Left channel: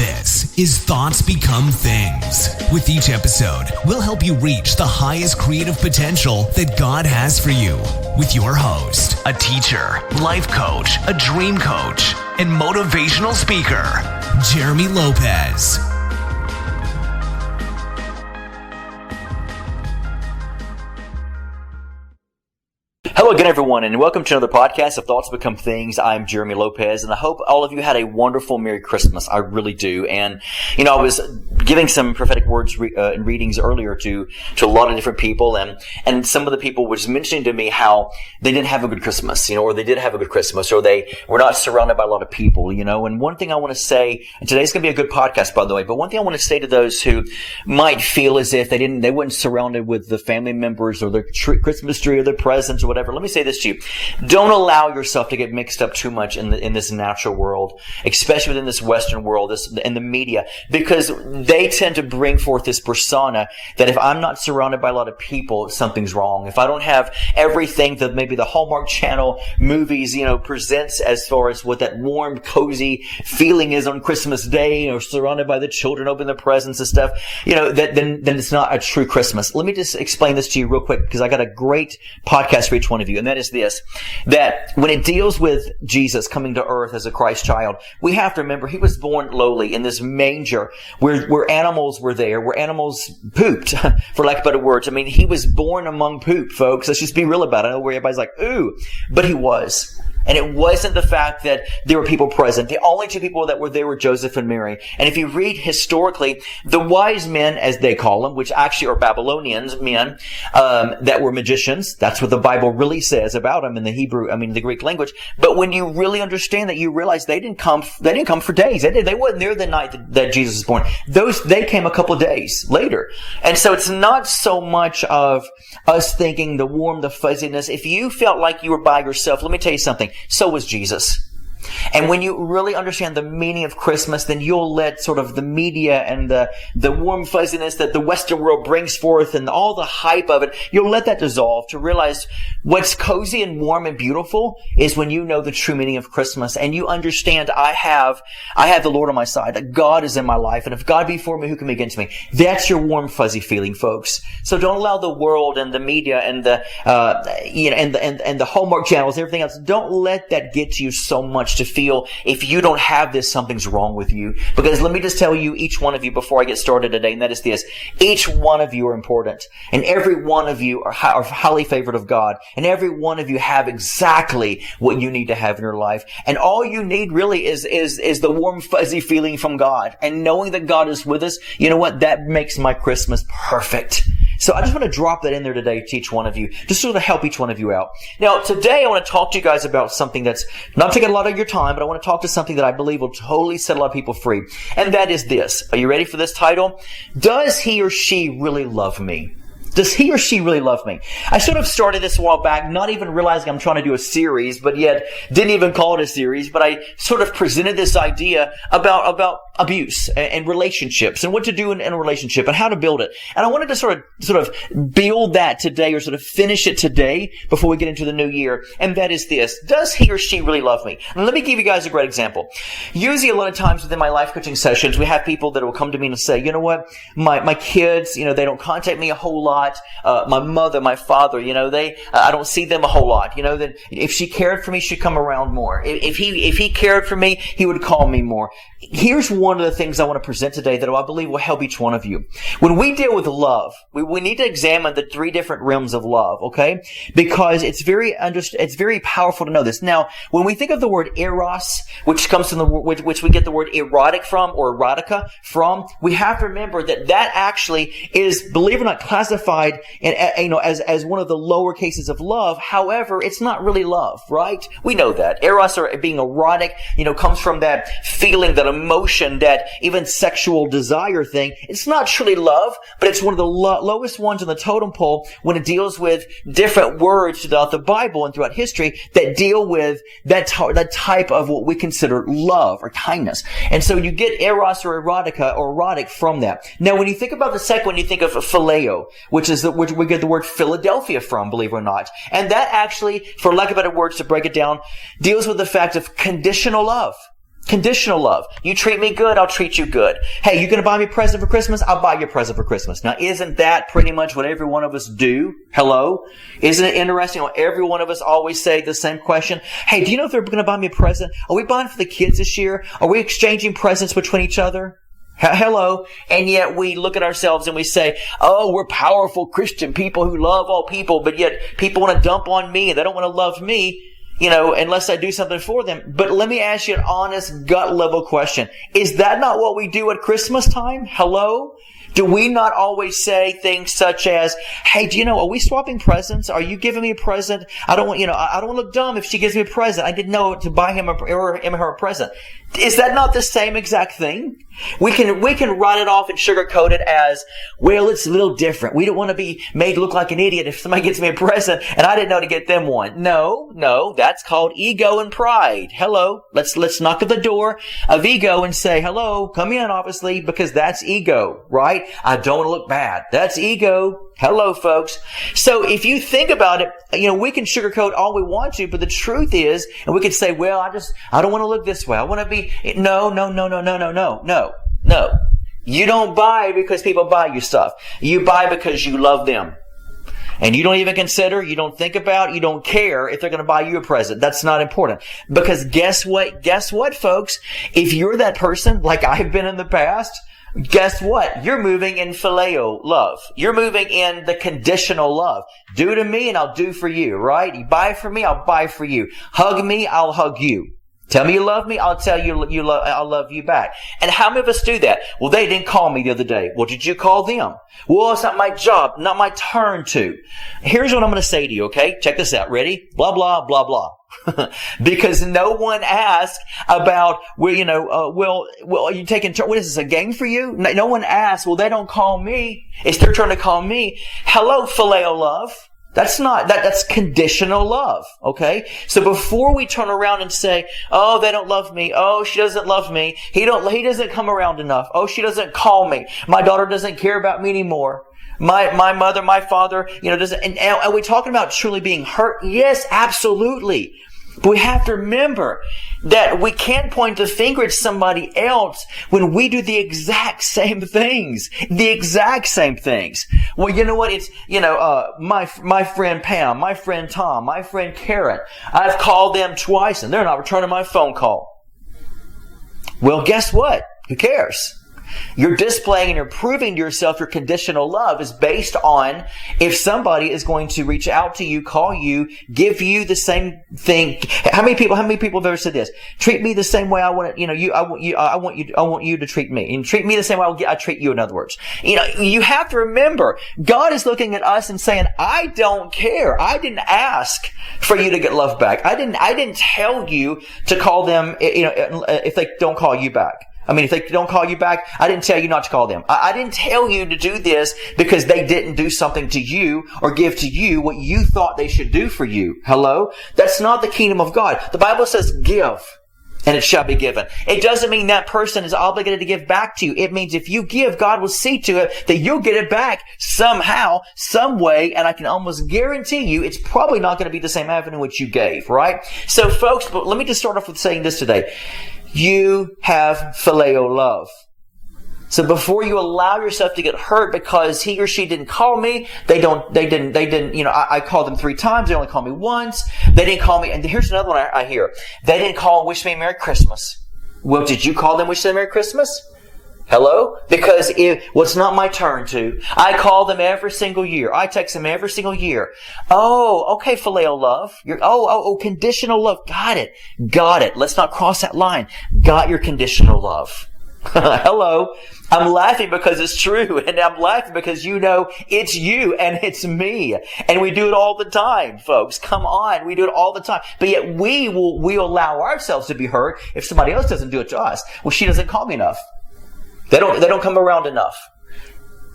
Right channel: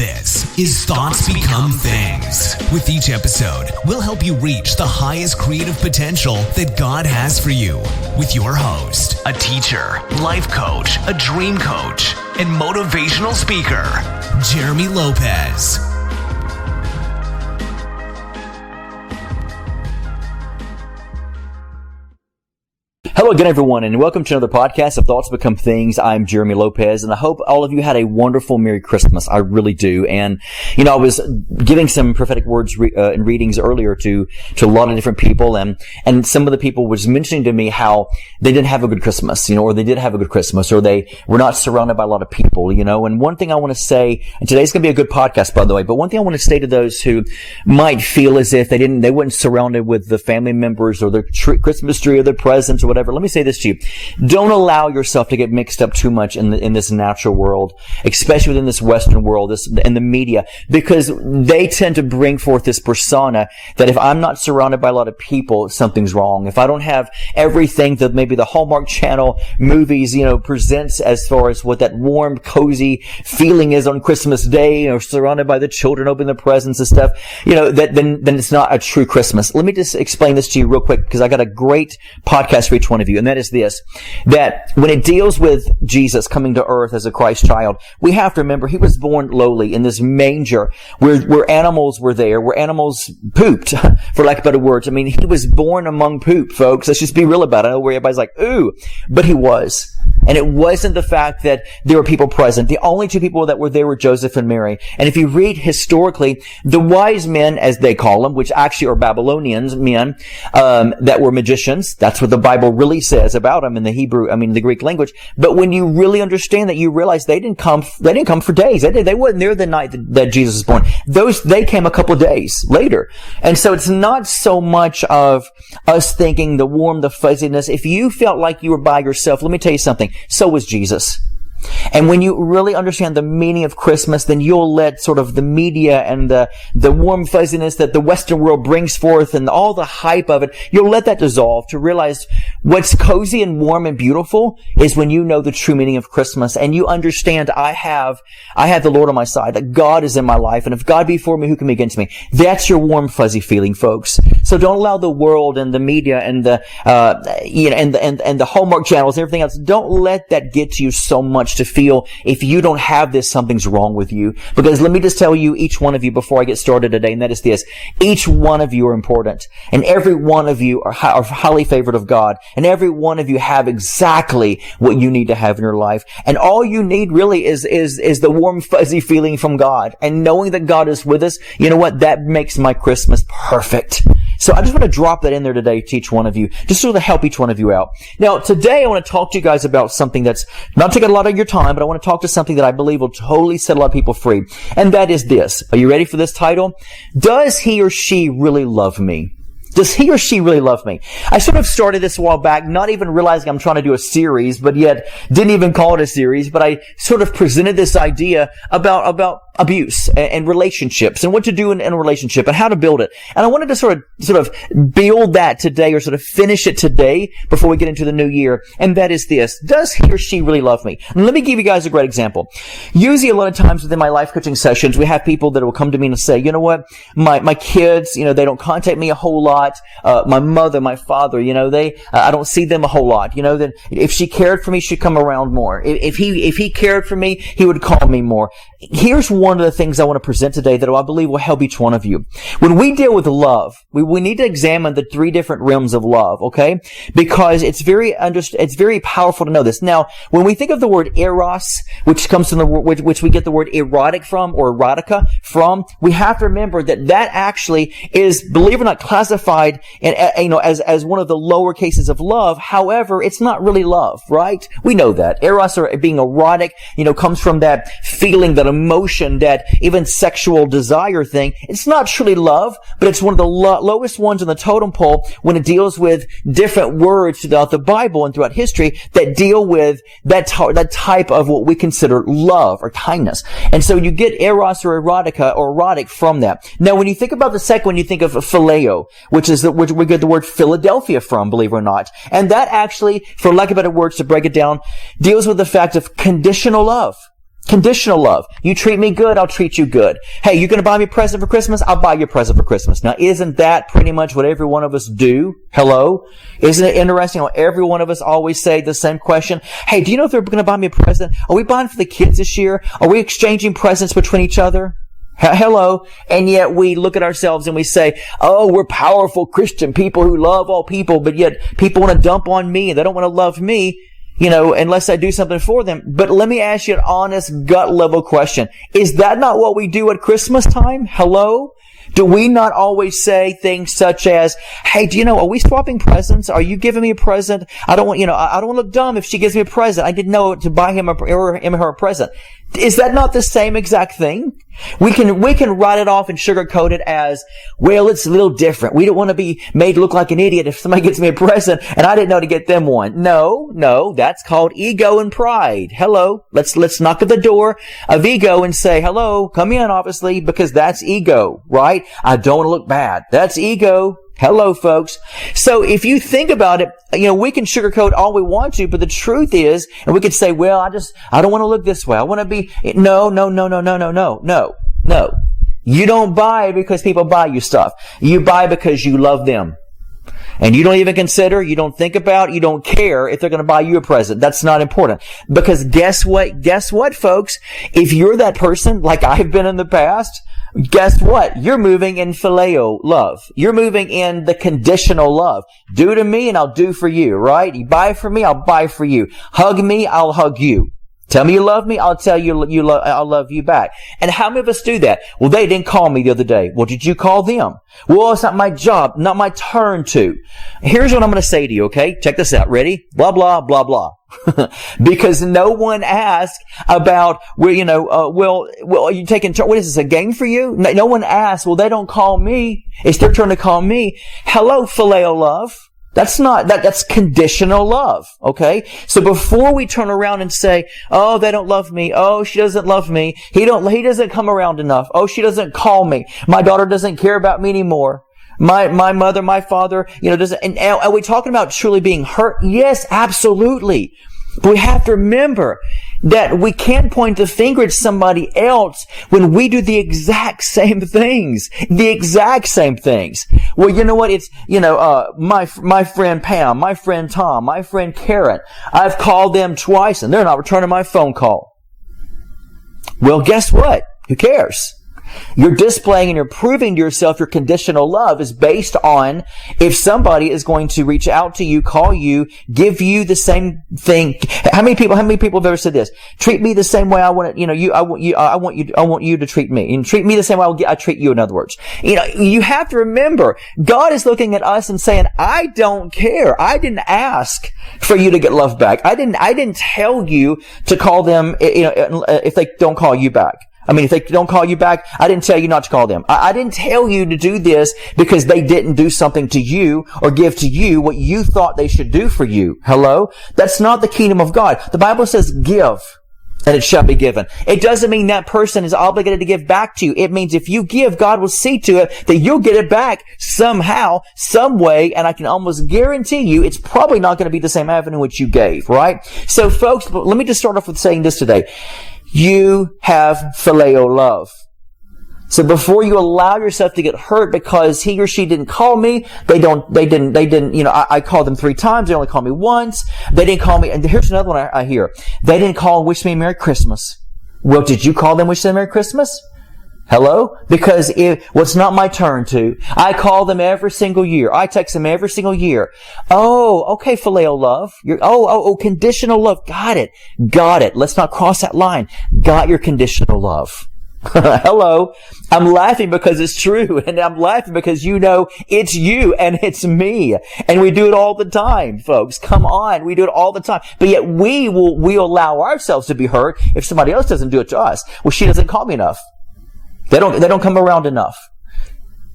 This is Thoughts Become Things. With each episode, we'll help you reach the highest creative potential that God has for you. With your host, a teacher, life coach, a dream coach, and motivational speaker, Jeremy Lopez. Hello again, everyone, and welcome to another podcast of Thoughts Become Things. I'm Jeremy Lopez, and I hope all of you had a wonderful Merry Christmas. I really do. And, I was giving some prophetic words and readings earlier to a lot of different people, and some of the people was mentioning to me how they didn't have a good Christmas, or they did have a good Christmas, or they were not surrounded by a lot of people, and one thing I want to say, and today's going to be a good podcast, by the way, but one thing I want to say to those who might feel as if they weren't surrounded with the family members or the Christmas tree or the presents or whatever. Let me say this to you. Don't allow yourself to get mixed up too much in this natural world, especially within this Western world, and the media, because they tend to bring forth this persona that if I'm not surrounded by a lot of people, something's wrong. If I don't have everything that maybe the Hallmark Channel movies, presents as far as what that warm, cozy feeling is on Christmas Day, surrounded by the children, opening the presents and stuff, then it's not a true Christmas. Let me just explain this to you real quick, because I got a great podcast for each one of you, and that is this, that when it deals with Jesus coming to earth as a Christ child, we have to remember he was born lowly in this manger where animals were there, where animals pooped, for lack of better words. I mean, he was born among poop, folks. Let's just be real about it. I know where everybody's like, ooh, but he was. And it wasn't the fact that there were people present. The only two people that were there were Joseph and Mary. And if you read historically, the wise men, as they call them, which actually are Babylonians men, that were magicians. That's what the Bible really says about them in the Greek language. But when you really understand that, you realize they didn't come for days. They wasn't there the night that Jesus was born. They came a couple of days later. And so it's not so much of us thinking the warm, the fuzziness. If you felt like you were by yourself, let me tell you something. So was Jesus. And when you really understand the meaning of Christmas, then you'll let sort of the media and the warm fuzziness that the Western world brings forth and all the hype of it, you'll let that dissolve to realize what's cozy and warm and beautiful is when you know the true meaning of Christmas and you understand I have the Lord on my side, that God is in my life, and if God be for me, who can be against me? That's your warm fuzzy feeling, folks. So don't allow the world and the media and the and the Hallmark channels and everything else, don't let that get to you so much to feel if you don't have this, something's wrong with you. Because let me just tell you, each one of you, before I get started today, and that is this: each one of you are important, and every one of you are highly favored of God, and every one of you have exactly what you need to have in your life. And all you need really is the warm fuzzy feeling from God, and knowing that God is with us. You know what? That makes my Christmas perfect. So I just want to drop that in there today to each one of you, just sort of help each one of you out. Now, today I want to talk to you guys about something that's not taking a lot of your time, but I want to talk to something that I believe will totally set a lot of people free. And that is this. Are you ready for this title? Does he or she really love me? Does he or she really love me? I sort of started this a while back, not even realizing I'm trying to do a series, but yet didn't even call it a series, but I sort of presented this idea about abuse and relationships and what to do in a relationship and how to build it. And I wanted to sort of build that today, or sort of finish it today before we get into the new year. And that is this: does he or she really love me? And let me give you guys a great example. Usually a lot of times within my life coaching sessions, we have people that will come to me and say, you know what, my kids, they don't contact me a whole lot. My mother, my father, I don't see them a whole lot. That if she cared for me, she'd come around more. If he cared for me, he would call me more. Here's one of the things I want to present today that I believe will help each one of you. When we deal with love, we need to examine the three different realms of love, okay? Because it's very powerful to know this. Now, when we think of the word eros, which comes from which we get the word erotic from, or erotica from, we have to remember that actually is, believe it or not, classified as one of the lower cases of love. However, it's not really love, right? We know that. Eros, or being erotic, comes from that feeling, that emotion, that even sexual desire thing. It's not truly love, but it's one of the lowest ones on the totem pole when it deals with different words throughout the Bible and throughout history that deal with that type of what we consider love or kindness. And so you get eros or erotica or erotic from that. Now, when you think about the second one, you think of phileo, which we get the word Philadelphia from, believe it or not. And that actually, for lack of better words to break it down, deals with the fact of conditional love. Conditional love. You treat me good, I'll treat you good. Hey, you're going to buy me a present for Christmas? I'll buy you a present for Christmas. Now, isn't that pretty much what every one of us do? Hello? Isn't it interesting how every one of us always say the same question? Hey, do you know if they're going to buy me a present? Are we buying for the kids this year? Are we exchanging presents between each other? Hello. And yet we look at ourselves and we say, oh, we're powerful Christian people who love all people, but yet people want to dump on me and they don't want to love me, unless I do something for them. But let me ask you an honest gut level question. Is that not what we do at Christmas time? Hello? Do we not always say things such as, hey, are we swapping presents? Are you giving me a present? I don't want to look dumb if she gives me a present. I didn't know to buy him or her a present. Is that not the same exact thing? We can write it off and sugarcoat it as, well, it's a little different. We don't want to be made look like an idiot if somebody gets me a present and I didn't know to get them one. No, that's called ego and pride. Hello. Let's knock at the door of ego and say, hello, come in, obviously, because that's ego, right? I don't want to look bad. That's ego. Hello, folks. So if you think about it, we can sugarcoat all we want to, but the truth is, and we could say, well, I don't want to look this way. I want to be, no. You don't buy because people buy you stuff. You buy because you love them. And you don't even consider, you don't think about, you don't care if they're going to buy you a present. That's not important. Because guess what, folks? If you're that person, like I've been in the past, guess what? You're moving in phileo love. You're moving in the conditional love. Do to me and I'll do for you, right? You buy for me, I'll buy for you. Hug me, I'll hug you. Tell me you love me, I'll tell you I'll love you back. And how many of us do that? Well, they didn't call me the other day. Well, did you call them? Well, it's not my job, not my turn to. Here's what I'm going to say to you, okay? Check this out. Ready? Blah, blah, blah, blah. Because no one asked about, are you taking turn? What is this, a game for you? No one asked, well, they don't call me. It's their turn to call me. Hello, phileo love. That's conditional love, okay? So before we turn around and say, oh, they don't love me. Oh, she doesn't love me. He doesn't come around enough. Oh, she doesn't call me. My daughter doesn't care about me anymore. My mother, my father, doesn't, and are we talking about truly being hurt? Yes, absolutely. But we have to remember that we can't point the finger at somebody else when we do the exact same things. The exact same things. Well, you know what? It's, my friend Pam, my friend Tom, my friend Karen. I've called them twice and they're not returning my phone call. Well, guess what? Who cares? You're displaying and you're proving to yourself your conditional love is based on if somebody is going to reach out to you, call you, give you the same thing. How many people have ever said this? Treat me the same way I want it, I want you to treat me. And treat me the same way I treat you, in other words. You have to remember, God is looking at us and saying, I don't care. I didn't ask for you to get love back. I didn't tell you to call them, if they don't call you back. If they don't call you back, I didn't tell you not to call them. I didn't tell you to do this because they didn't do something to you or give to you what you thought they should do for you. Hello? That's not the kingdom of God. The Bible says give, and it shall be given. It doesn't mean that person is obligated to give back to you. It means if you give, God will see to it that you'll get it back somehow, some way, and I can almost guarantee you it's probably not going to be the same avenue which you gave, right? So folks, but let me just start off with saying this today. You have phileo love. So before you allow yourself to get hurt because he or she didn't call me, they didn't, I called them 3 times, they only called me once, they didn't call me, and here's another one I hear. They didn't call and wish me Merry Christmas. Well, did you call them and wish them Merry Christmas? Hello? Because it's not my turn to. I call them every single year. I text them every single year. Oh, okay, phileo love. Conditional love. Got it. Let's not cross that line. Got your conditional love. Hello? I'm laughing because it's true, and I'm laughing because it's you and it's me. And we do it all the time, folks. Come on, we do it all the time. But yet we allow ourselves to be hurt if somebody else doesn't do it to us. Well, she doesn't call me enough. They don't come around enough.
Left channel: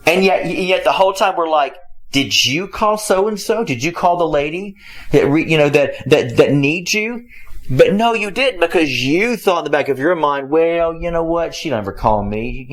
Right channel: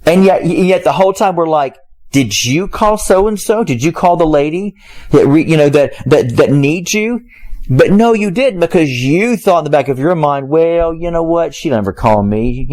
And yet the whole time we're like, did you call so-and-so? Did you call the lady that needs you? But no, you didn't, because you thought in the back of your mind, well, you know what? She never called me,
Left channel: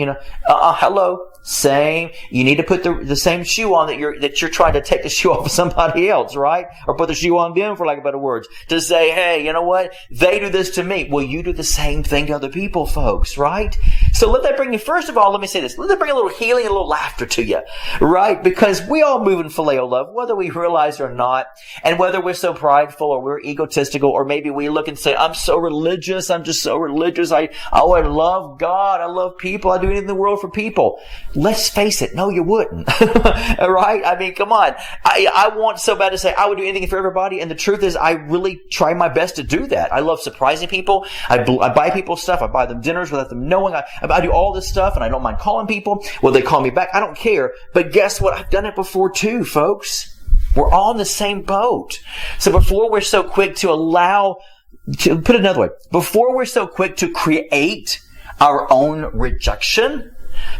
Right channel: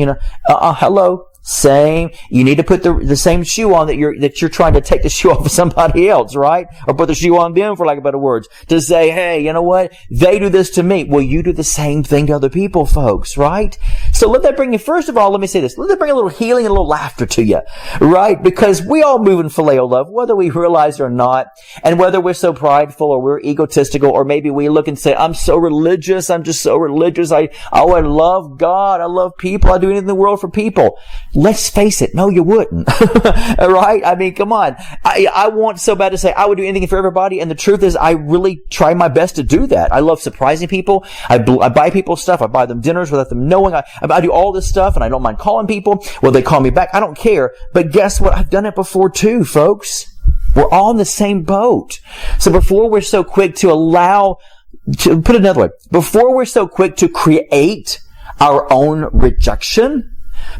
Hello? Same. You need to put the same shoe on that you're trying to take the shoe off of somebody else, right? Or put the shoe on them, for lack of better words. To say, hey, you know what? They do this to me. Well, you do the same thing to other people, folks, right? So let that bring you, first of all, let me say this. Let that bring a little healing and a little laughter to you, right? Because we all move in phileo love, whether we realize it or not. And whether we're so prideful or we're egotistical, or maybe we look and say, I'm so religious. I'm just so religious. I love God. I love people. I do anything in the world for people. Let's face it. No, you wouldn't. Right? I mean, come on. I want so bad to say I would do anything for everybody. And the truth is, I really try my best to do that. I love surprising people. I buy people stuff. I buy them dinners without them knowing. I do all this stuff, and I don't mind calling people. Well, they call me back. I don't care. But guess what? I've done it before too, folks. We're all in the same boat. So before we're so quick to put it another way, before we're so quick to create our own rejection,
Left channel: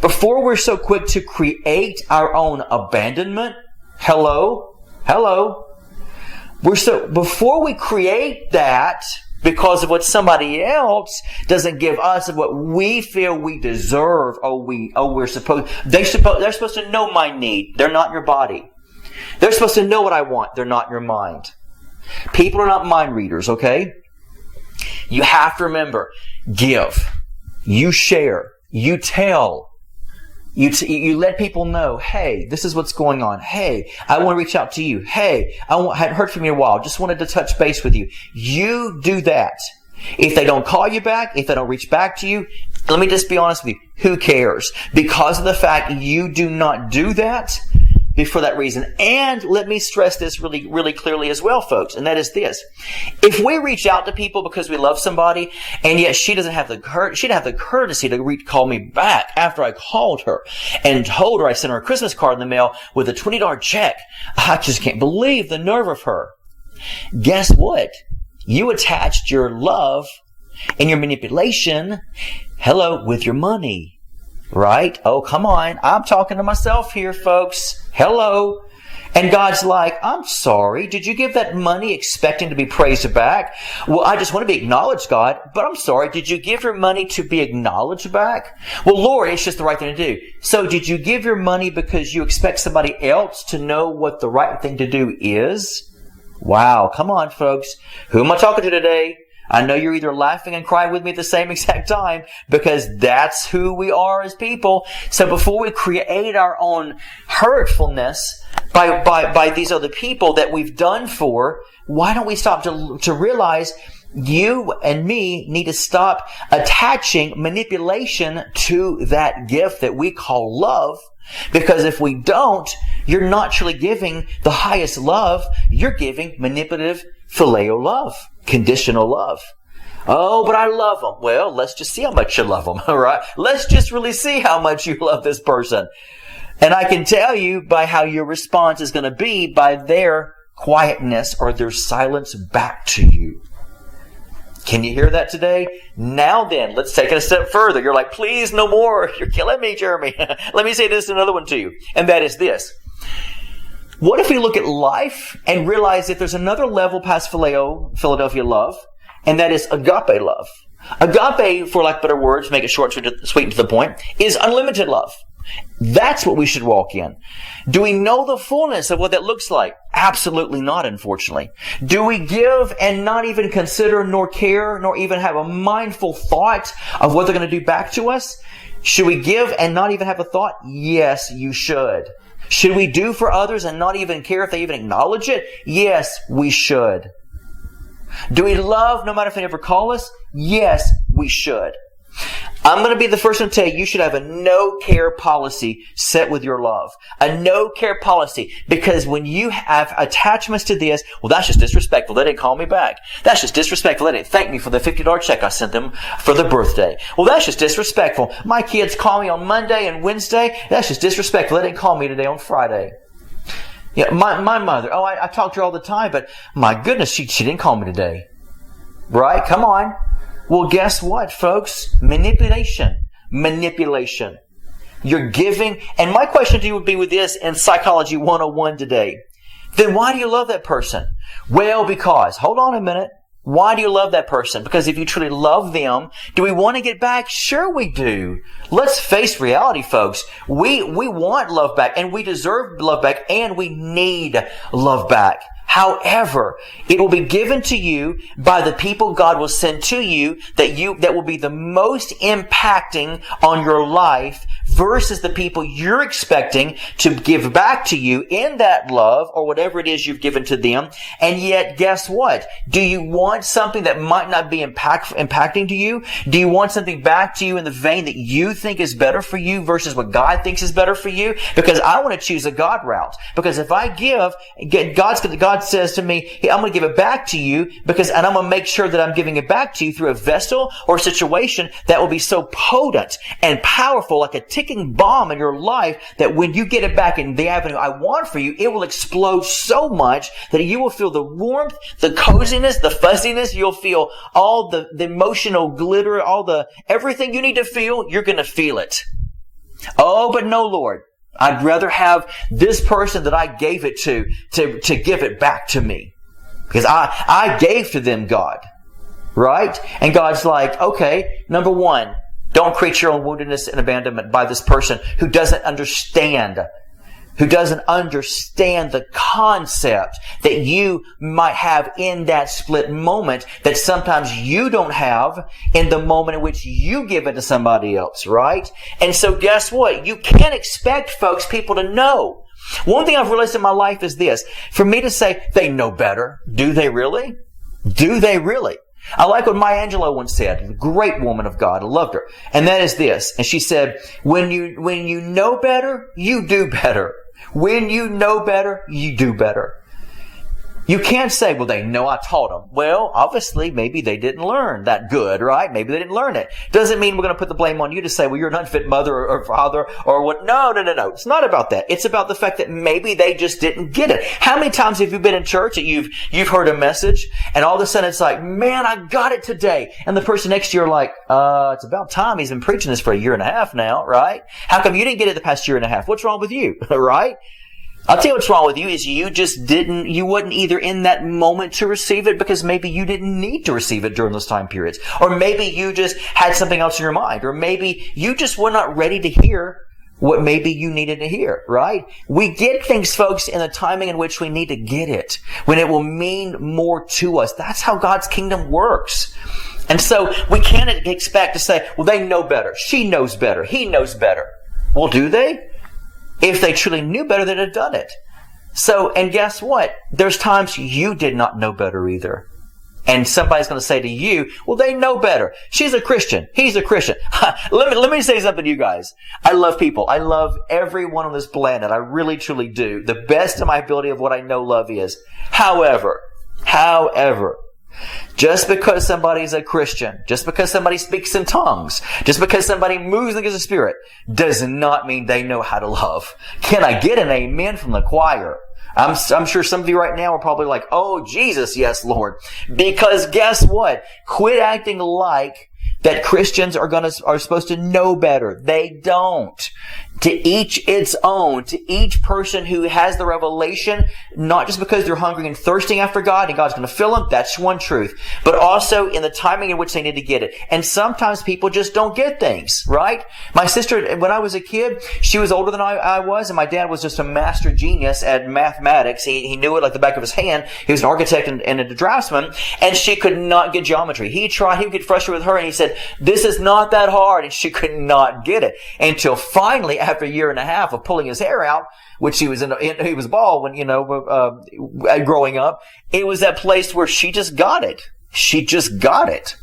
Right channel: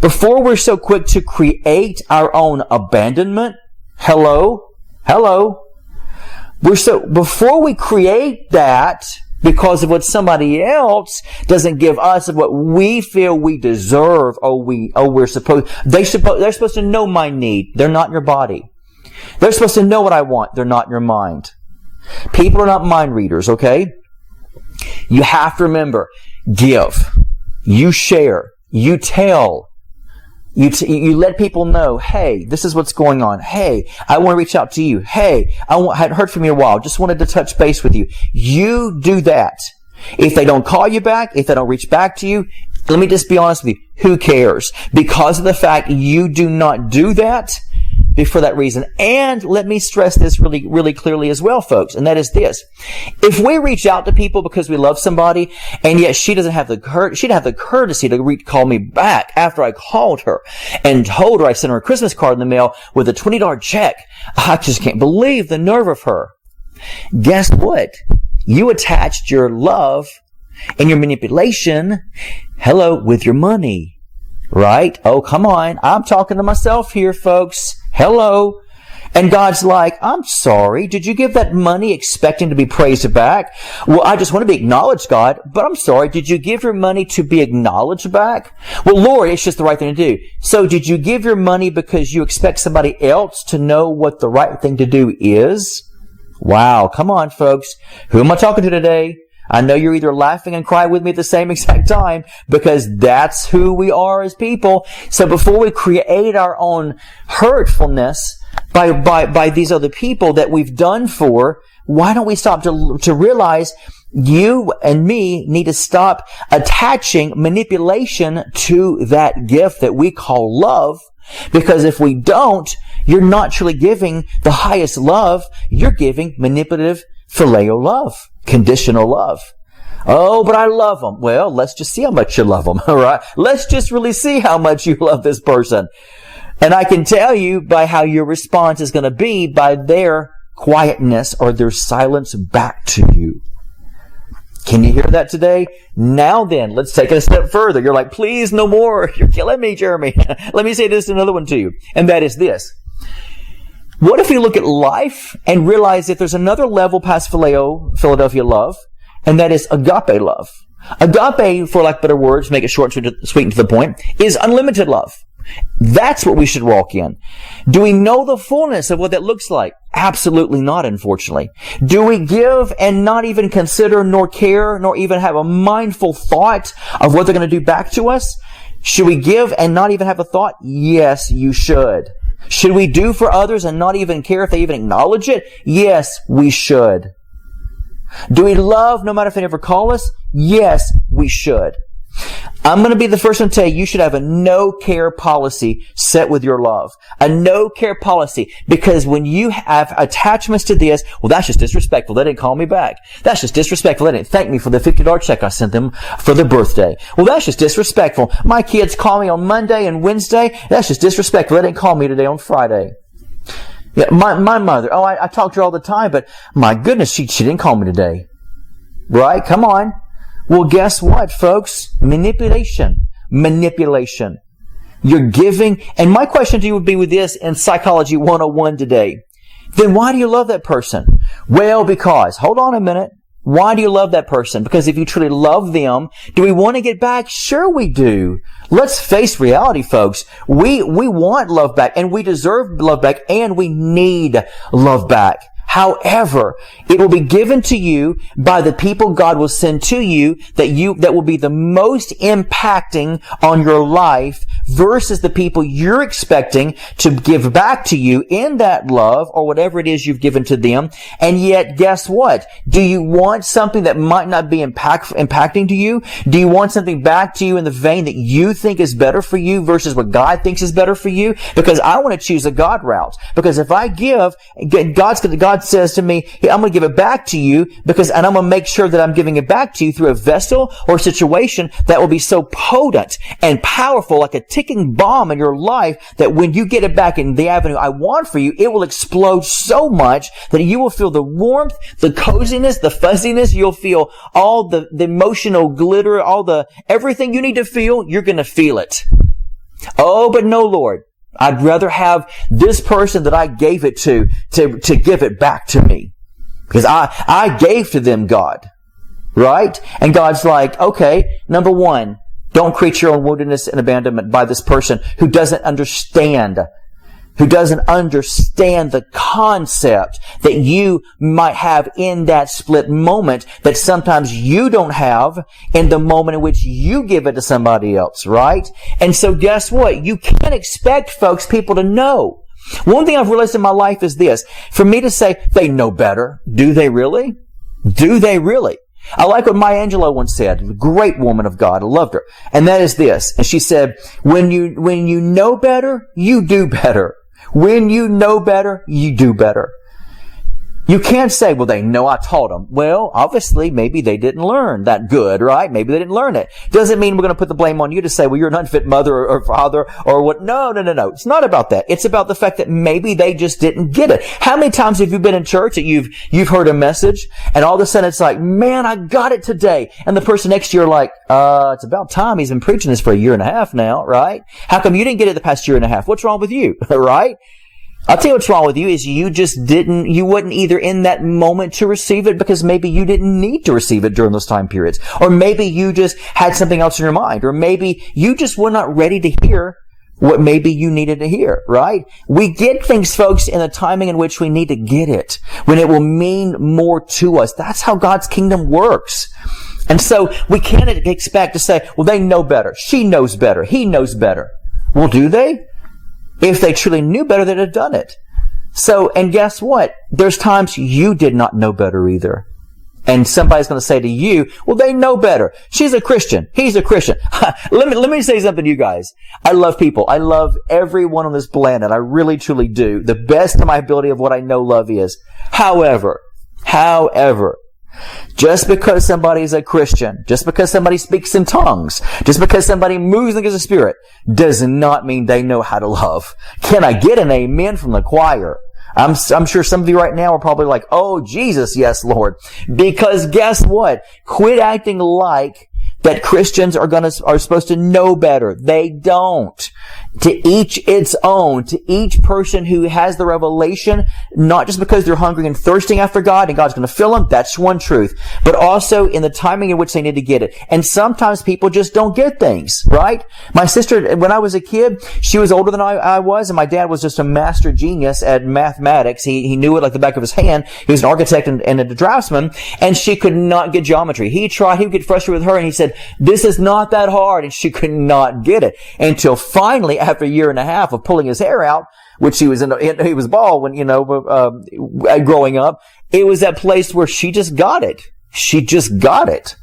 before we're so quick to create our own abandonment, before we create that because of what somebody else doesn't give us of what we feel we deserve, they're supposed to know my need. They're not your body. They're supposed to know what I want. They're not your mind. People are not mind readers, okay? You have to remember, give. You share. You tell. You let people know, hey, this is what's going on. Hey, I want to reach out to you. Hey, I hadn't heard from you in a while. Just wanted to touch base with you. You do that. If they don't call you back, if they don't reach back to you, let me just be honest with you. Who cares? Because of the fact you do not do that, for that reason. And let me stress this really, really clearly as well, folks, and that is this. If we reach out to people because we love somebody, and yet she doesn't have the courtesy to call me back after I called her and told her I sent her a Christmas card in the mail with a $20 check, I just can't believe the nerve of her. Guess what? You attached your love and your manipulation, with your money. Right? Oh, come on. I'm talking to myself here, folks. Hello. And God's like, I'm sorry. Did you give that money expecting to be praised back? Well, I just want to be acknowledged, God. But I'm sorry. Did you give your money to be acknowledged back? Well, Lord, it's just the right thing to do. So did you give your money because you expect somebody else to know what the right thing to do is? Wow. Come on, folks. Who am I talking to today? I know you're either laughing and crying with me at the same exact time, because that's who we are as people. So before we create our own hurtfulness by these other people that we've done for, why don't we stop to realize you and me need to stop attaching manipulation to that gift that we call love? Because if we don't, you're not truly giving the highest love. You're giving manipulative phileo love. Conditional love. Oh, but I love them. Well, let's just see how much you love them, all right? Let's just really see how much you love this person. And I can tell you by how your response is going to be by their quietness or their silence back to you. Can you hear that today? Now then, let's take it a step further. You're like, please, no more. You're killing me, Jeremy. Let me say this another one to you. And that is this. What if we look at life and realize that there's another level past Philadelphia love, and that is agape love? Agape, for lack of better words, make it short, sweet, and to the point, is unlimited love. That's what we should walk in. Do we know the fullness of what that looks like? Absolutely not, unfortunately. Do we give and not even consider, nor care, nor even have a mindful thought of what they're going to do back to us? Should we give and not even have a thought? Yes, you should. Should we do for others and not even care if they even acknowledge it? Yes, we should. Do we love no matter if they ever call us? Yes, we should. I'm going to be the first one to tell you, you should have a no-care policy set with your love. A no-care policy. Because when you have attachments to this, well, that's just disrespectful. They didn't call me back. That's just disrespectful. They didn't thank me for the $50 check I sent them for their birthday. Well, that's just disrespectful. My kids call me on Monday and Wednesday. That's just disrespectful. They didn't call me today on Friday. Yeah, my mother, I talk to her all the time, but my goodness, she didn't call me today. Right? Come on. Well, guess what, folks? Manipulation. You're giving. And my question to you would be with this in Psychology 101 today. Then why do you love that person? Well, because, hold on a minute. Why do you love that person? Because if you truly love them, do we want to get back? Sure we do. Let's face reality, folks. We want love back, and we deserve love back, and we need love back. However, it will be given to you by the people God will send to you that will be the most impacting on your life versus the people you're expecting to give back to you in that love or whatever it is you've given to them. And yet, guess what? Do you want something that might not be impacting to you? Do you want something back to you in the vein that you think is better for you versus what God thinks is better for you? Because I want to choose a God route. Because if I give, God says to me, hey, I'm going to give it back to you and I'm going to make sure that I'm giving it back to you through a vessel or situation that will be so potent and powerful, like a ticking bomb in your life, that when you get it back in the avenue I want for you, it will explode so much that you will feel the warmth, the coziness, the fuzziness. You'll feel all the emotional glitter, everything you need to feel. You're going to feel it. Oh, but no, Lord. I'd rather have this person that I gave it to give it back to me. Because I gave to them, God. Right? And God's like, okay, number one, don't create your own wilderness and abandonment by this person who doesn't understand the concept that you might have in that split moment that sometimes you don't have in the moment in which you give it to somebody else, right? And so guess what? You can't expect, folks, people to know. One thing I've realized in my life is this. For me to say, they know better. Do they really? Do they really? I like what Maya Angelou once said, a great woman of God. I loved her. And that is this. And she said, when you know better, you do better. When you know better, you do better. You can't say, well, they know I taught them. Well, obviously, maybe they didn't learn that good, right? Maybe they didn't learn it. Doesn't mean we're going to put the blame on you to say, well, you're an unfit mother or father or what. No. It's not about that. It's about the fact that maybe they just didn't get it. How many times have you been in church that you've heard a message and all of a sudden it's like, man, I got it today. And the person next to you are like, it's about time. He's been preaching this for a year and a half now, right? How come you didn't get it the past year and a half? What's wrong with you, right? I'll tell you what's wrong with you is you wasn't either in that moment to receive it because maybe you didn't need to receive it during those time periods. Or maybe you just had something else in your mind. Or maybe you just were not ready to hear what maybe you needed to hear, right? We get things, folks, in the timing in which we need to get it, when it will mean more to us. That's how God's kingdom works. And so we can't expect to say, well, they know better. She knows better. He knows better. Well, do they? If they truly knew better, they'd have done it. So, and guess what? There's times you did not know better either. And somebody's going to say to you, well, they know better. She's a Christian. He's a Christian. Let me say something to you guys. I love people. I love everyone on this planet. I really, truly do. The best of my ability of what I know love is. However, just because somebody is a Christian, just because somebody speaks in tongues, just because somebody moves like a spirit, does not mean they know how to love. Can I get an amen from the choir? I'm sure some of you right now are probably like, oh, Jesus, yes, Lord. Because guess what? Quit acting like that Christians are supposed to know better. They don't. To each its own. To each person who has the revelation, not just because they're hungry and thirsting after God and God's going to fill them, that's one truth. But also in the timing in which they need to get it. And sometimes people just don't get things, right? My sister, when I was a kid, she was older than I was, and my dad was just a master genius at mathematics. He knew it like the back of his hand. He was an architect and a draftsman, and she could not get geometry. He would get frustrated with her, and he said, this is not that hard, and she could not get it. Until finally, after a year and a half of pulling his hair out, which he was bald when, growing up, it was that place where she just got it. She just got it.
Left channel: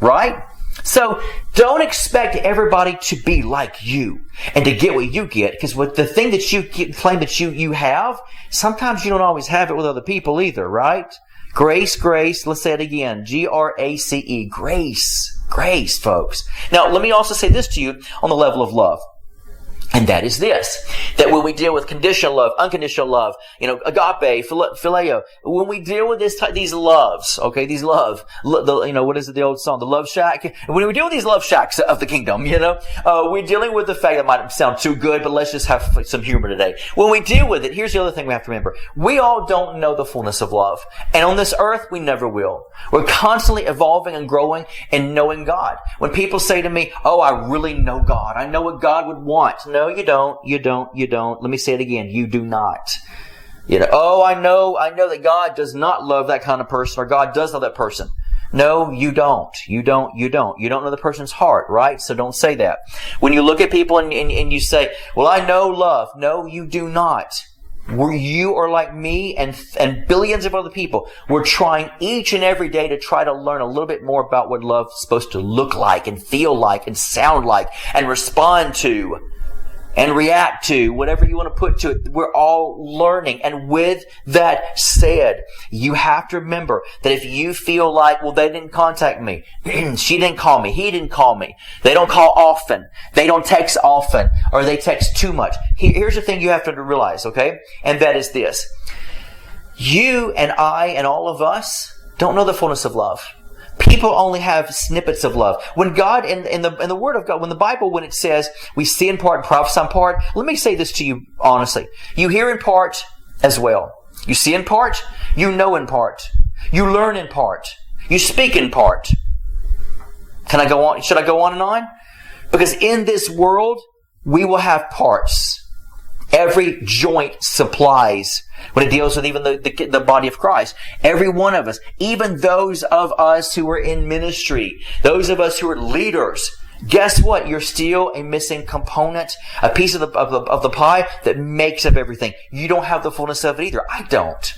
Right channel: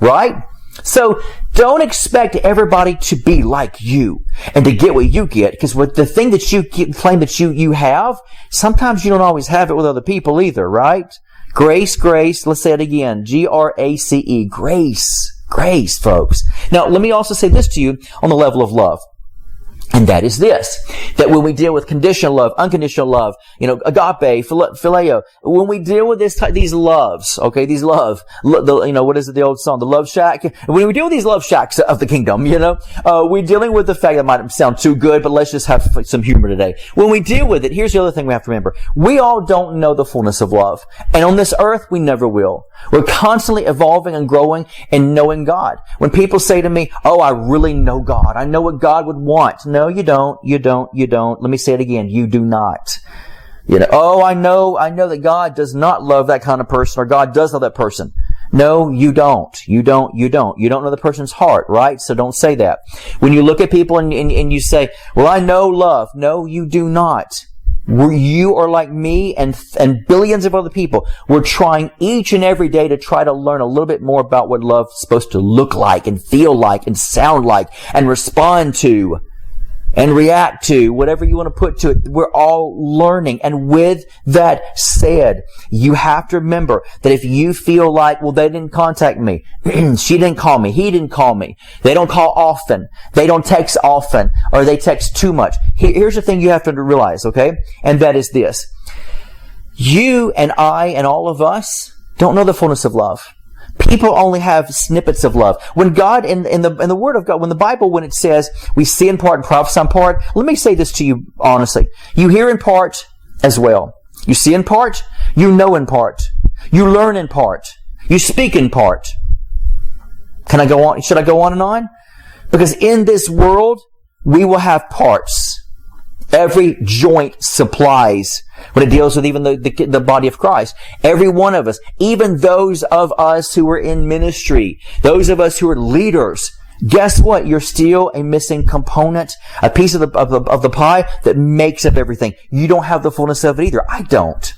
Right? So don't expect everybody to be like you and to get what you get, because with the thing that you claim that you have, sometimes you don't always have it with other people either, right? Grace, let's say it again. Grace, grace, folks. Now, let me also say this to you on the level of love. And that is this, that when we deal with conditional love, unconditional love, agape, phileo, when we deal with these loves, okay, what is it, the old song, the love shack? When we deal with these love shacks of the kingdom, we're dealing with the fact that might sound too good, but let's just have some humor today. When we deal with it, here's the other thing we have to remember. We all don't know the fullness of love. And on this earth, we never will. We're constantly evolving and growing and knowing God. When people say to me, oh, I really know God. I know what God would want. No, you don't. You don't. Let me say it again. You do not. Oh, I know that God does not love that kind of person, or God does love that person. No, you don't. You don't know the person's heart, right? So don't say that. When you look at people and you say, well, I know love. No, you do not. You are like me and billions of other people. We're trying each and every day to try to learn a little bit more about what love is supposed to look like and feel like and sound like and respond to and react to, whatever you want to put to it. We're all learning. And with that said, you have to remember that if you feel like, well, they didn't contact me, she didn't call me, he didn't call me, they don't call often, they don't text often, or they text too much. Here's the thing you have to realize, okay? And that is this. You and I and all of us don't know the fullness of love. People only have snippets of love. When God, in the Word of God, when the Bible, when it says we see in part and prophesy in part, let me say this to you honestly. You hear in part as well. You see in part, you know in part, you learn in part, you speak in part. Can I go on? Should I go on and on? Because in this world, we will have parts. Every joint supplies when it deals with even the body of Christ. Every one of us, even those of us who are in ministry, those of us who are leaders, guess what? You're still a missing component, a piece of the pie that makes up everything. You don't have the fullness of it either. I don't.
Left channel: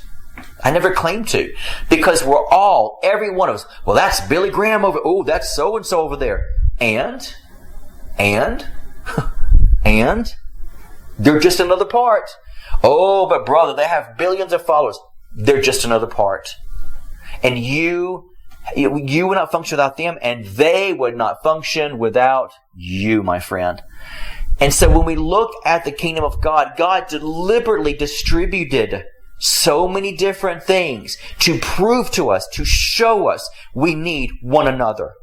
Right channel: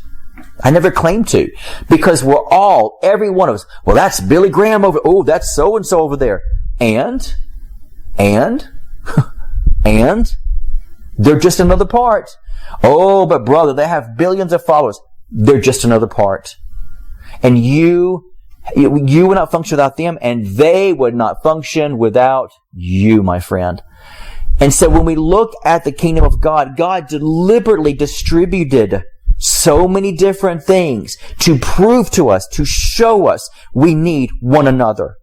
I never claim to. Because we're all, every one of us, well, that's Billy Graham over, oh, that's so-and-so over there. And they're just another part. Oh, but brother, they have billions of followers. They're just another part. And you would not function without them, and they would not function without you, my friend. And so when we look at the kingdom of God, God deliberately distributed so many different things to prove to us, to show us we need one another.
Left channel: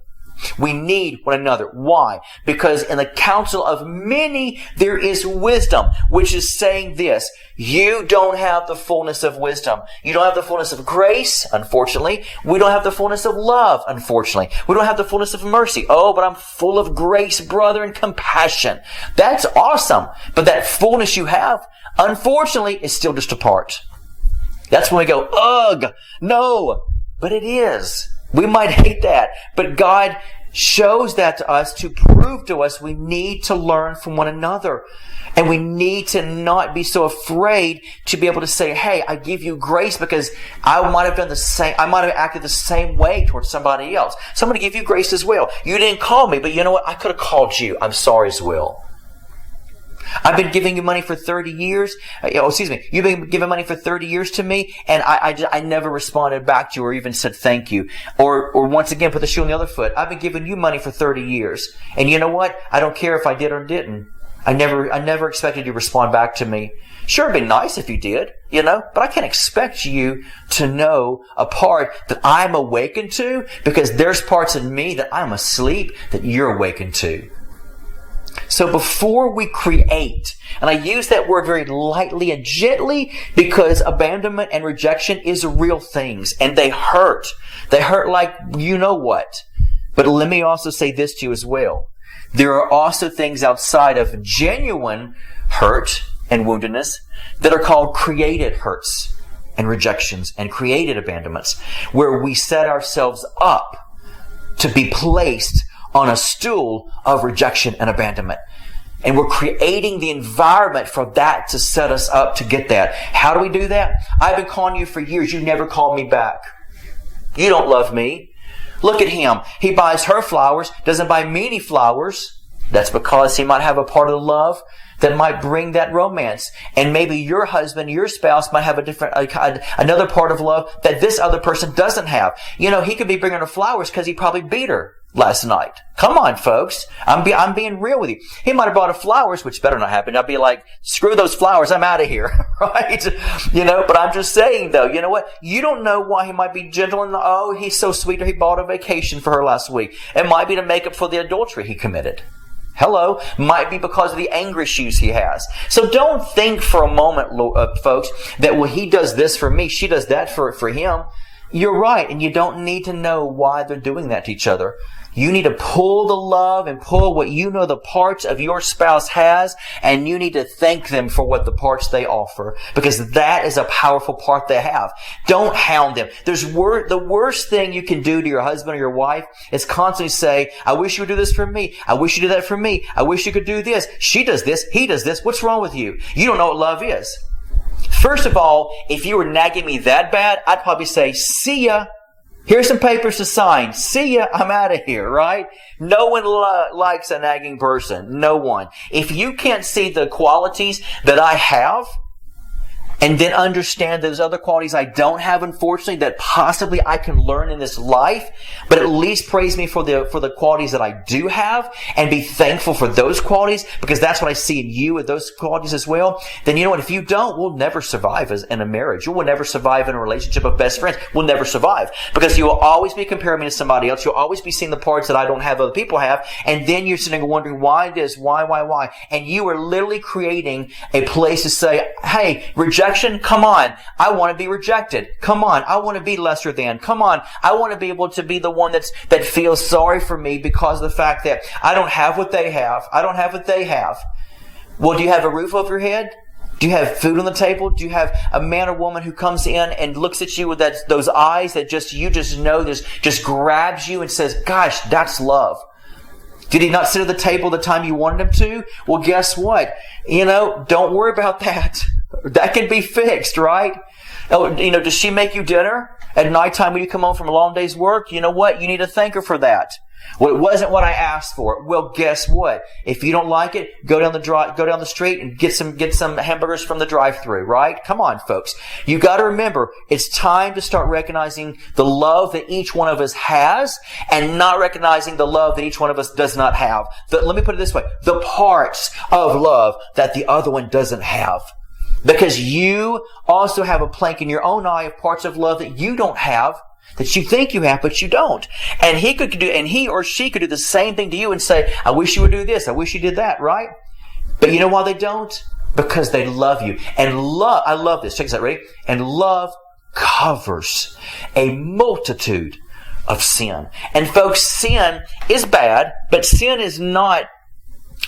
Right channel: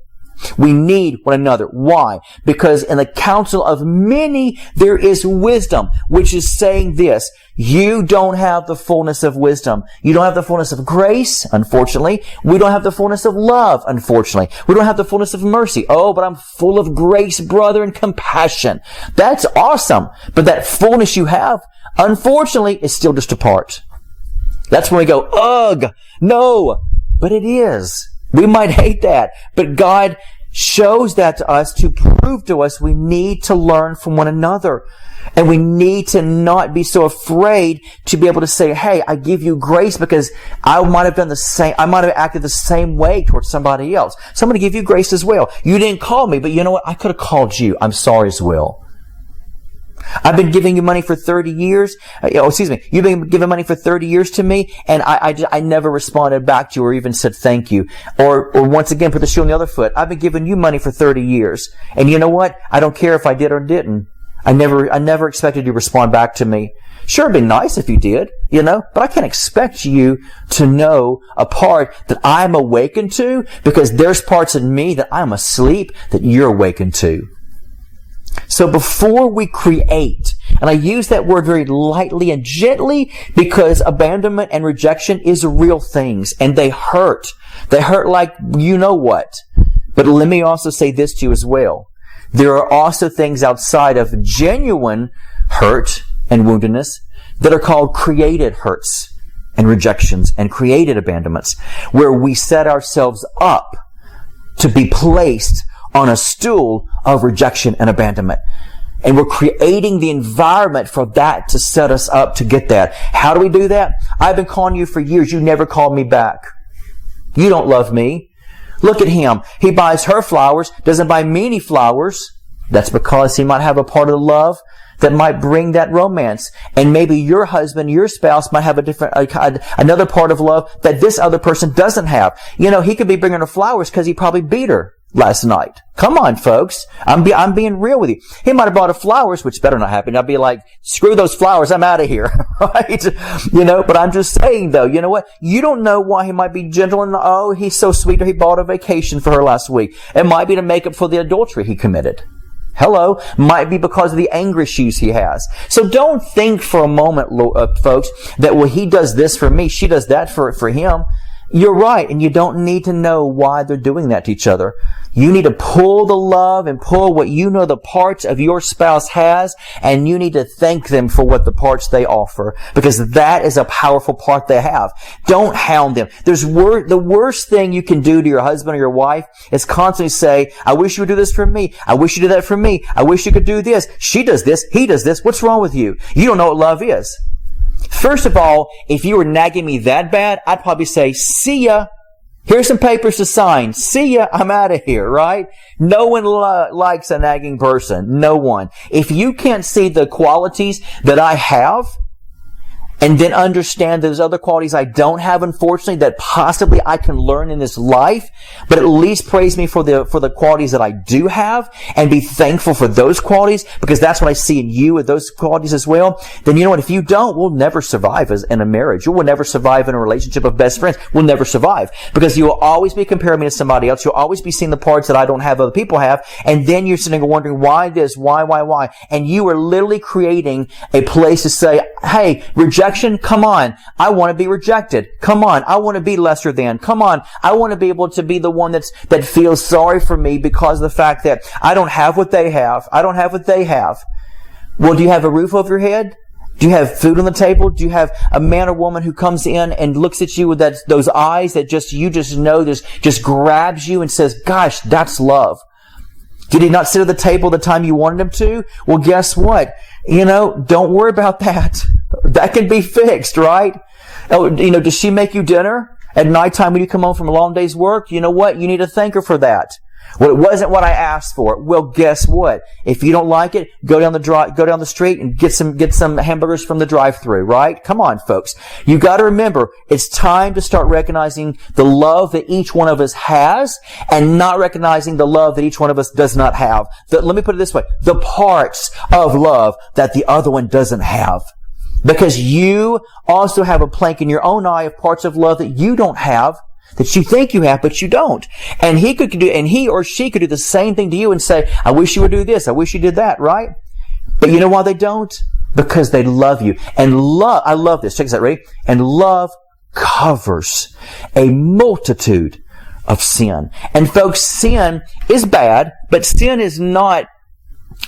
We need one another. Why? Because in the counsel of many there is wisdom, which is saying this: you don't have the fullness of wisdom. You don't have the fullness of grace, unfortunately. We don't have the fullness of love, unfortunately. We don't have the fullness of mercy. Oh, but I'm full of grace, brother, and compassion. That's awesome. But that fullness you have, unfortunately, is still just a part. That's when we go, ugh, no. But it is. We might hate that, but God shows that to us to prove to us we need to learn from one another. And we need to not be so afraid to be able to say, hey, I give you grace because I might have done the same, I might have acted the same way towards somebody else. So I'm going to give you grace as well. You didn't call me, but you know what? I could have called you. I'm sorry as well. I've been giving you money for 30 years. You've been giving money for 30 years to me, and I never responded back to you or even said thank you. Or once again, put the shoe on the other foot. I've been giving you money for 30 years. And you know what? I don't care if I did or didn't. I never expected you to respond back to me. Sure, it'd be nice if you did, but I can't expect you to know a part that I'm awakened to, because there's parts in me that I'm asleep that you're awakened to. So before we create, and I use that word very lightly and gently because abandonment and rejection is real things, and they hurt. They hurt like you know what. But let me also say this to you as well. There are also things outside of genuine hurt and woundedness that are called created hurts and rejections and created abandonments, where we set ourselves up to be placed on a stool of rejection and abandonment. And we're creating the environment for that to set us up to get that. How do we do that? I've been calling you for years. You never called me back. You don't love me. Look at him. He buys her flowers, doesn't buy me any flowers. That's because he might have a part of the love that might bring that romance. And maybe your husband, your spouse might have another part of love that this other person doesn't have. He could be bringing her flowers because he probably beat her. last night. Come on, folks. I'm being real with you. He might have brought her flowers, which better not happen. I'd be like, screw those flowers. I'm out of here. Right? But I'm just saying though, you know what? You don't know why he might be gentle and, oh, he's so sweet, or he bought a vacation for her last week. It might be to make up for the adultery he committed. Hello. Might be because of the anger issues he has. So don't think for a moment, folks, that, well, he does this for me, she does that for him. You're right, and you don't need to know why they're doing that to each other. You need to pull the love and pull what you know the parts of your spouse has, and you need to thank them for what the parts they offer, because that is a powerful part they have. Don't hound them. The worst thing you can do to your husband or your wife is constantly say, I wish you would do this for me. I wish you did that for me. I wish you could do this. She does this. He does this. What's wrong with you? You don't know what love is. First of all, if you were nagging me that bad, I'd probably say, see ya. Here's some papers to sign. See ya. I'm out of here, right? No one likes a nagging person. No one. If you can't see the qualities that I have, and then understand those other qualities I don't have, unfortunately, that possibly I can learn in this life, but at least praise me for the qualities that I do have, and be thankful for those qualities, because that's what I see in you with those qualities as well. Then you know what? If you don't, we'll never survive in a marriage. You will never survive in a relationship of best friends. We'll never survive, because you will always be comparing me to somebody else. You'll always be seeing the parts that I don't have, other people have, and then you're sitting there wondering why this, why, and you are literally creating a place to say, hey, rejection. Come on. I want to be rejected. Come on. I want to be lesser than. Come on. I want to be able to be the one that feels sorry for me because of the fact that I don't have what they have. I don't have what they have. Well, do you have a roof over your head? Do you have food on the table? Do you have a man or woman who comes in and looks at you with those eyes that you know just grabs you and says, gosh, that's love? Did he not sit at the table the time you wanted him to? Well, guess what? Don't worry about that. That can be fixed, right? Oh, does she make you dinner at nighttime when you come home from a long day's work? You know what? You need to thank her for that. Well, it wasn't what I asked for. Well, guess what? If you don't like it, go down the street and get some hamburgers from the drive-thru, right? Come on, folks. You got to remember, it's time to start recognizing the love that each one of us has, and not recognizing the love that each one of us does not have. Let me put it this way: the parts of love that the other one doesn't have. Because you also have a plank in your own eye of parts of love that you don't have, that you think you have, but you don't. And he or she could do the same thing to you and say, I wish you would do this. I wish you did that, right? But you know why they don't? Because they love you. And I love this. Check this out, ready? And love covers a multitude of sin. And folks, sin is bad, but sin is not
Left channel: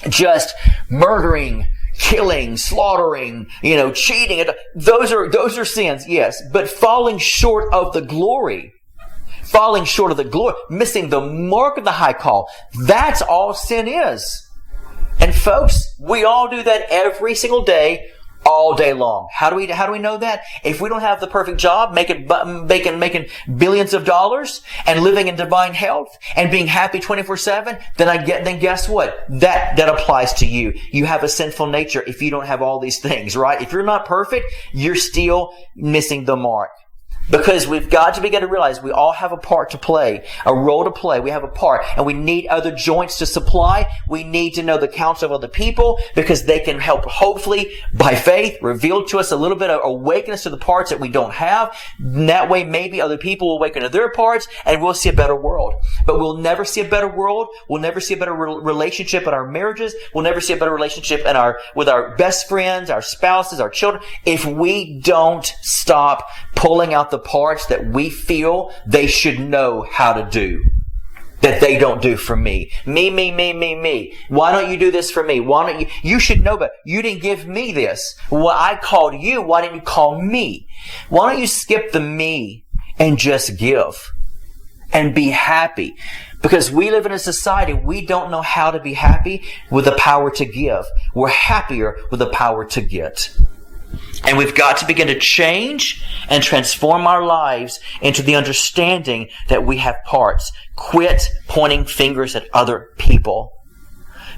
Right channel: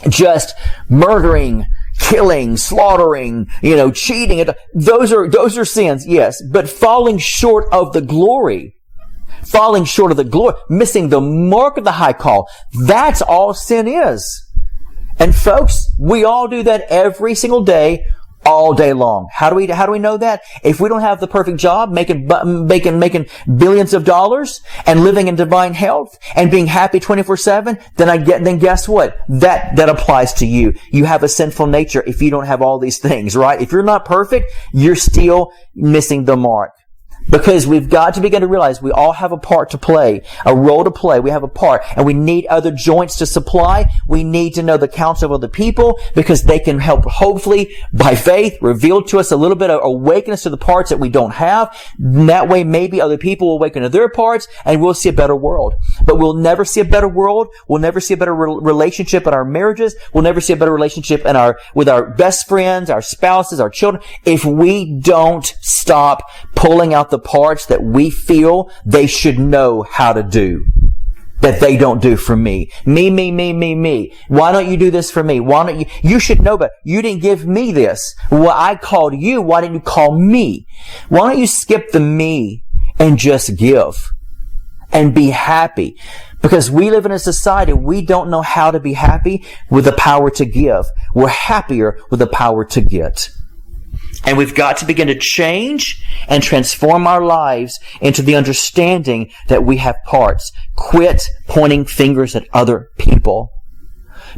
just murdering, killing, slaughtering, cheating. Those are sins, yes. But falling short of the glory, missing the mark of the high call, that's all sin is. And folks, we all do that every single day, all day long. How do we know that? If we don't have the perfect job, making billions of dollars and living in divine health and being happy 24/7, then guess what? That applies to you. You have a sinful nature if you don't have all these things, right? If you're not perfect, you're still missing the mark. Because we've got to begin to realize we all have a part to play, a role to play. We have a part, and we need other joints to supply. We need to know the counsel of other people, because they can help, hopefully, by faith, reveal to us a little bit of awaken us to the parts that we don't have. And that way, maybe other people will awaken to their parts, and we'll see a better world. But we'll never see a better world. We'll never see a better relationship in our marriages. We'll never see a better relationship with our best friends, our spouses, our children, if we don't stop pulling out the parts that we feel they should know how to do, that they don't do for me. Me. Why don't you do this for me? Why don't you should know, but you didn't give me this. Well, I called you. Why didn't you call me? Why don't you skip the me and just give and be happy? Because we live in a society, we don't know how to be happy with the power to give. We're happier with the power to get. And we've got to begin to change and transform our lives into the understanding that we have parts. Quit pointing fingers at other people.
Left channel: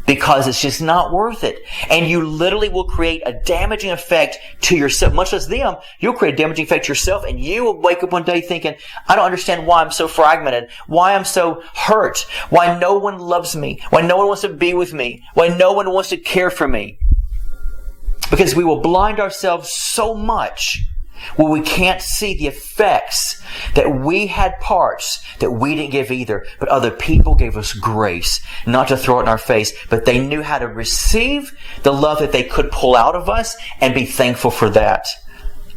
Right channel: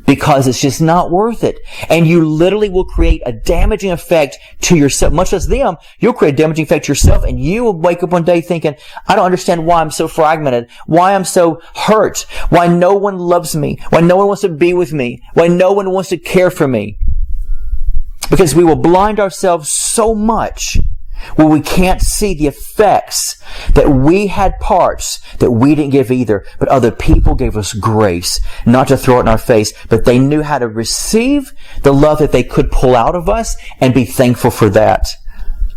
because it's just not worth it. And you literally will create a damaging effect to yourself, much less them. You'll create a damaging effect to yourself, and you will wake up one day thinking, I don't understand why I'm so fragmented, why I'm so hurt, why no one loves me, why no one wants to be with me, why no one wants to care for me. Because we will blind ourselves so much where we can't see the effects that we had parts that we didn't give either, but other people gave us grace, not to throw it in our face, but they knew how to receive the love that they could pull out of us and be thankful for that.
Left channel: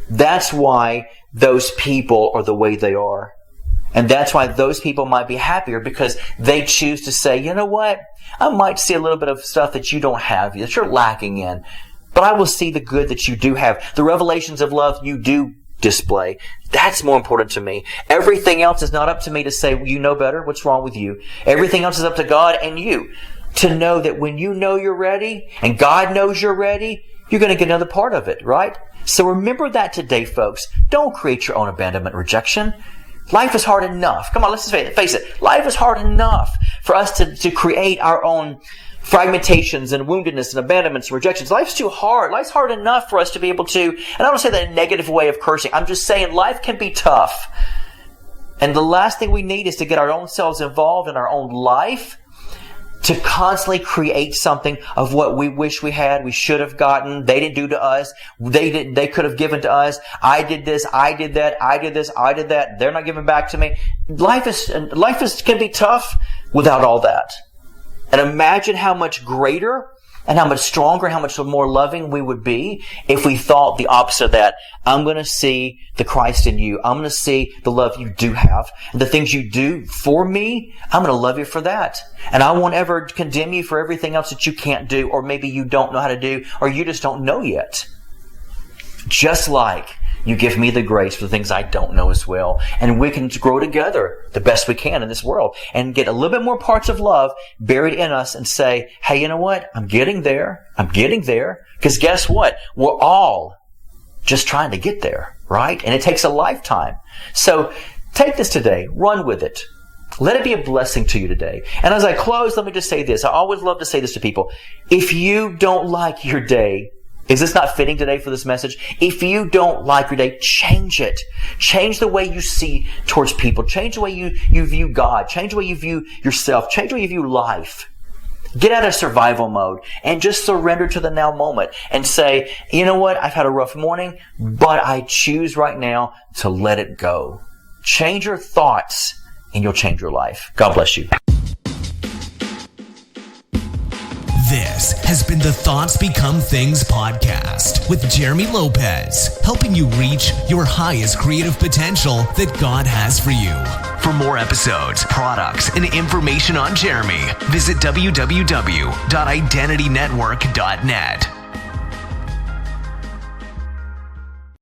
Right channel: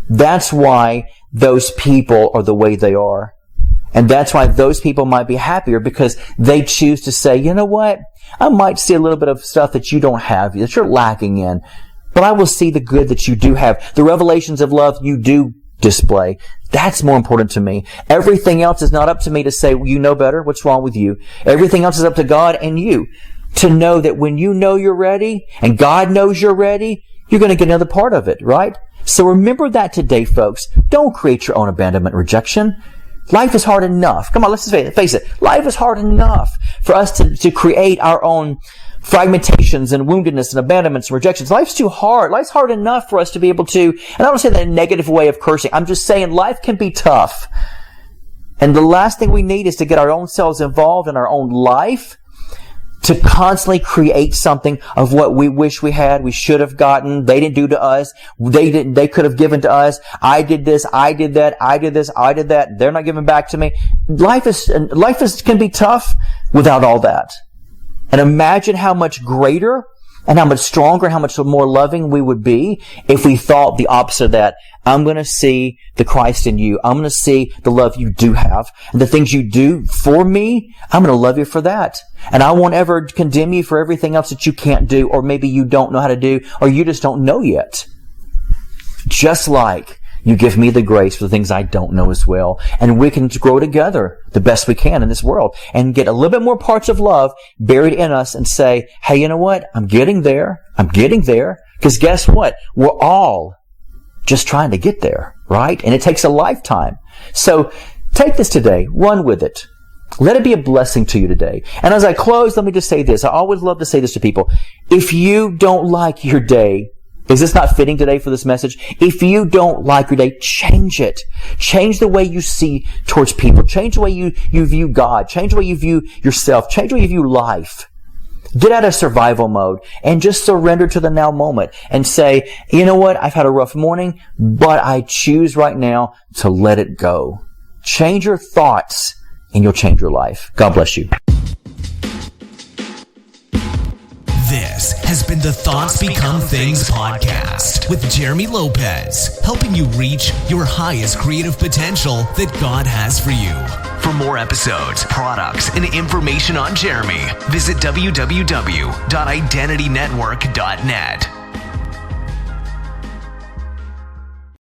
That's why those people are the way they are. And that's why those people might be happier, because they choose to say, you know what? I might see a little bit of stuff that you don't have, that you're lacking in, but I will see the good that you do have. The revelations of love you do display. That's more important to me. Everything else is not up to me to say, you know better. What's wrong with you? Everything else is up to God and you to know that when you know you're ready and God knows you're ready, you're going to get another part of it, right? So remember that today, folks. Don't create your own abandonment and rejection. Life is hard enough. Come on, let's just face it. Life is hard enough for us to create our own fragmentations and woundedness and abandonments and rejections. Life's too hard. Life's hard enough for us to be able to, and I don't say that in a negative way of cursing. I'm just saying life can be tough. And the last thing we need is to get our own selves involved in our own life to constantly create something of what we wish we had, we should have gotten, they didn't do to us, they could have given to us, I did this, I did that, I did this, I did that, they're not giving back to me. Life can be tough without all that. And imagine how much greater and how much stronger, how much more loving we would be if we thought the opposite of that. I'm going to see the Christ in you. I'm going to see the love you do have. And the things you do for me, I'm going to love you for that. And I won't ever condemn you for everything else that you can't do, or maybe you don't know how to do, or you just don't know yet. Just like you give me the grace for the things I don't know as well. And we can grow together the best we can in this world and get a little bit more parts of love buried in us and say, hey, you know what? I'm getting there. I'm getting there. Because guess what? We're all just trying to get there, right? And it takes a lifetime. So take this today. Run with it. Let it be a blessing to you today. And as I close, let me just say this. I always love to say this to people. If you don't like your day, is this not fitting today for this message? If you don't like your day, change it. Change the way you see towards people. Change the way you view God. Change the way you view yourself. Change the way you view life. Get out of survival mode and just surrender to the now moment and say, you know what? I've had a rough morning, but I choose right now to let it go. Change your thoughts and you'll change your life. God bless you. This has been the Thoughts Become Things podcast with Jeremy Lopez, helping you reach your highest creative potential that God has for you. For more episodes, products, and information on Jeremy, visit www.identitynetwork.net.